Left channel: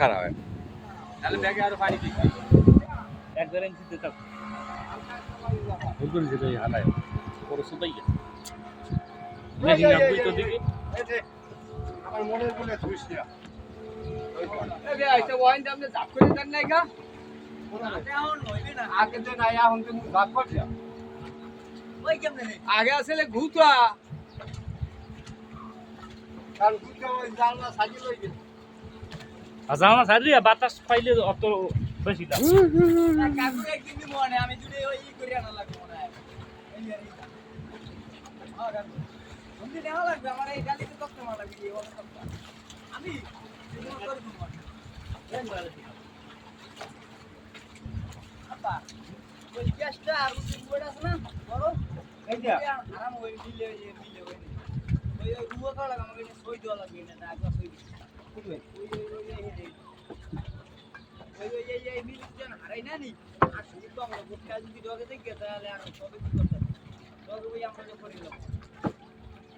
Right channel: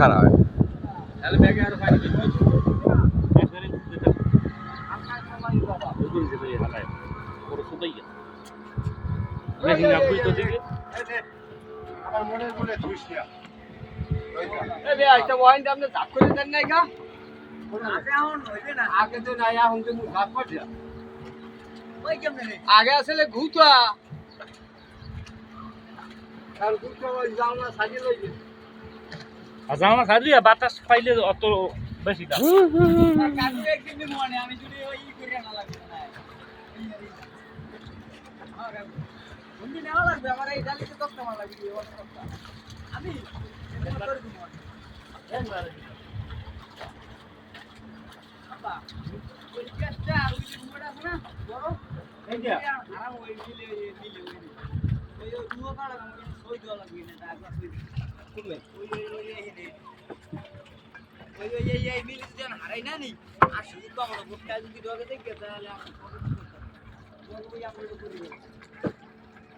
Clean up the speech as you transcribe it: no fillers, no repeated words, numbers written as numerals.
খারাপ হয় তাহলে ব্যাগে আর পানি দিতে একবারে দিতে থাক হালকা সময় বাবা ওইগুলো যে হালায় বড় সুদাই গেছে দেখি না বুঝ তো দিকে এই যে আমার মনের বলে ধুইস না এ বে আইতা ওয়াইন দামনে জাপ করে দেন নাই গা আগে এখন হইবে না আগে তো নাই এখন তো দাঁত পড়ছে ওই কেমনে রে আগে আসলে ঘুতা আর দুটো ওই জানলা সাজিয়ে লইবে জানা সারিয়া বাতাস পাইলে অত বেশি দাম কাকু একদিন দি মনে আমি যদি ওই ই করে না লাগবে না হ্যাঁ কাকু বন্ধু নেওয়া লাগবে আমার এই ডালিতে 10 টাকা লাগবে এই অত টাকা আমি এরকম করে দিব আপা ওই চেষ্টা ওই মোড় আছে না বড় এই যে আরাম ওই মিলে ওই রুয়া কাটা আমাকে সই দেওয়া লাগবে না একবার সই বুঝলে ওই মিলে যেন হারাই না নি আর শুধু তো আমরা ভোটটা যদি ডগে দেখে তাহলে আর কত কি করতে হবে ডগে ওই আমরা করে